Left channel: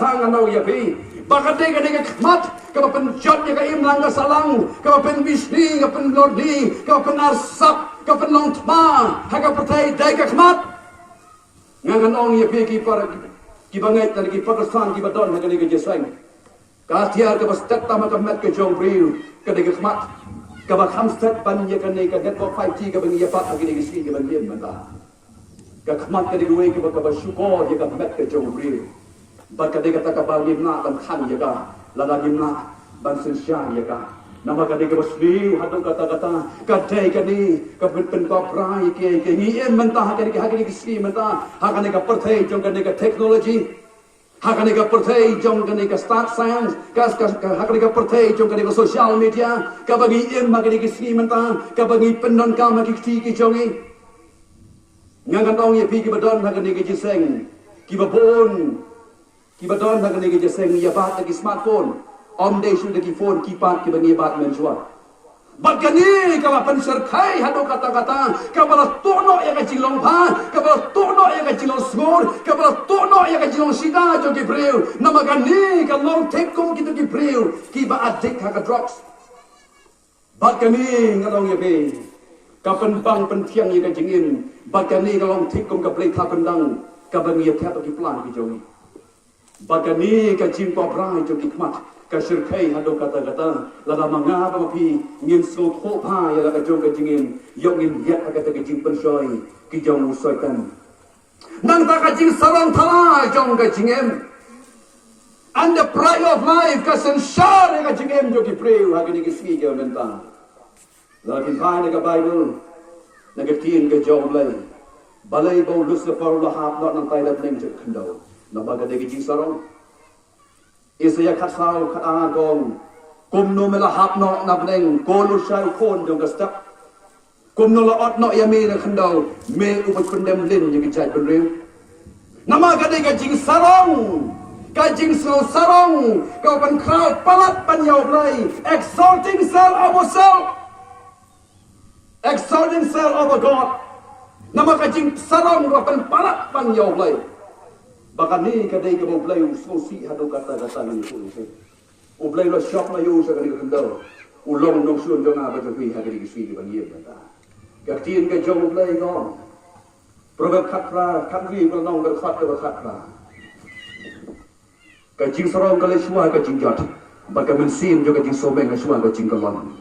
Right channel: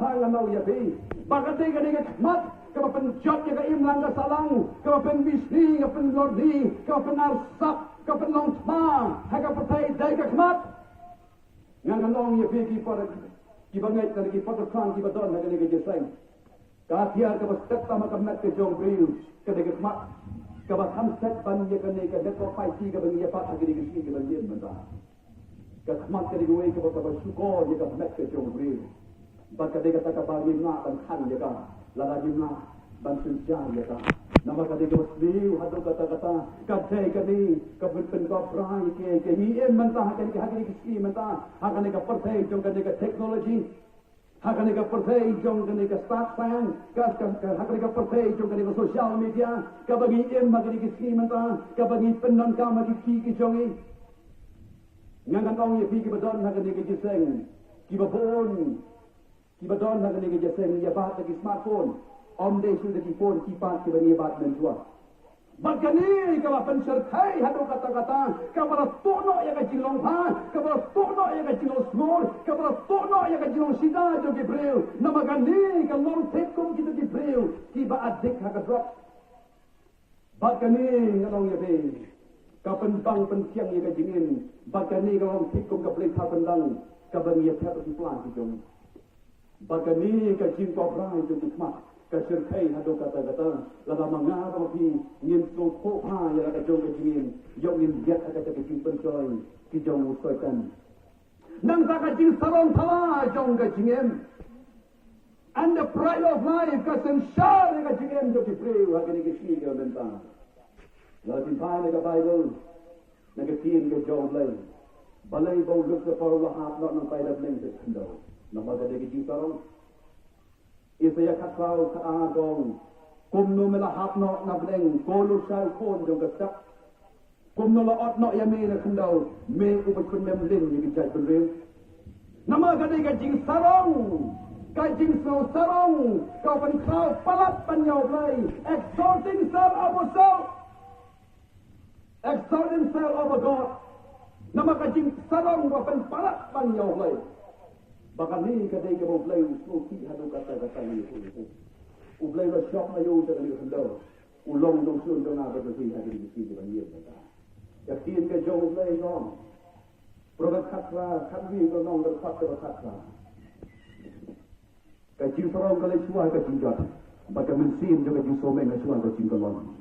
katang anau ya pi bakade ka khmat ka penjot ya ka imlang ka salang ka pen bisni ka pen lordi ka pen arsap ka pen long tma ha ka pertai dai ka khmat ngangan ong ya pi ki par ki bangai tan ki Pakistan ki badon ha ka ni ka jesang ka tiar ka bastat tama ka mat ka jong briu ka de ka khmat ka ba khamstat ban ya ka ni ka det ko 5G ka bang ya pat ka ni ka si ka ban liem ba ka khmat ka de ka ba syukur ya ka mat ka jong briu Bakade kata ka gimna ban khan ya ka lala gimna ban sensya ya ka nama kade ka basli hadu kata kadai kani ka pen ka prai ke ni em mentah kade ka kade ki mentah hakane ka perthai jong kade ka technology hakane ka perthai jong kade ka start science hakane ka perthai jong kade ka social media ka bagi em kade ki mentah ka bagi penon ka ma ki jongi ngangan ong ye pi ki badon hakane ki jiseng ki babon ki badon nak ni jeseng ya bat ki smartphone om de shu de ki phone ki pat ki bani bat men jua bagani ka pan serkai hado kata ka bala tono ya ka jilong pha ka bala tono ya ka jilong smor ka bala tono ya ka jilong sida jo ki breu namagani ka long take kom ki to ki breu ki ba addict ha ka drugs bagani ngalong ya be ka pen bang pen thiang ya ka jingin bagani ka long take kom ka play tha pendang ka bani ya tha ki plan ki jongi Bagani ka jing ko brai jo kikmat ka shirkai hado kata lada manga ba pi ngin so tho pa ya la jo ka jingin yong in yat ka ta jing pen soi ki jong soi tan nang ta ka jing sarong thala jong ka jingem and the pride of life ka sen shar ka jingem jo ki preu ha ki si jo menta la kin pai ka bible na ka tin ka jong lai balai bo lucifer la hap not nang tai da ning jo khando Nabaga de gijing sarong Isaya khatsau khata gong kumno mela hap no nabneng kolu shai khon jong gastap kumno la ot no yami na khandau me upat kundem lin yang jai benriu namaga de gijing sarong gajing sarong kau pan crowd palat pan yau blai exalting self of a God namaga jing sarong kau pan palat pan yau blai Bahkan ni kadai ka boleh ususi hadu kata ni tu. Boleh lo shop na yo sa kani kendo. Ulong nong sun dong apa tu pi hadi kisi ban ye kata. Katien ka jong boleh ko. Probat khatra khatwi ko nong ka khatra. Ka jing sarong ka le shua ka jing jot. Baka mensin jo ka jing sobeng ka shua ka jing kalon.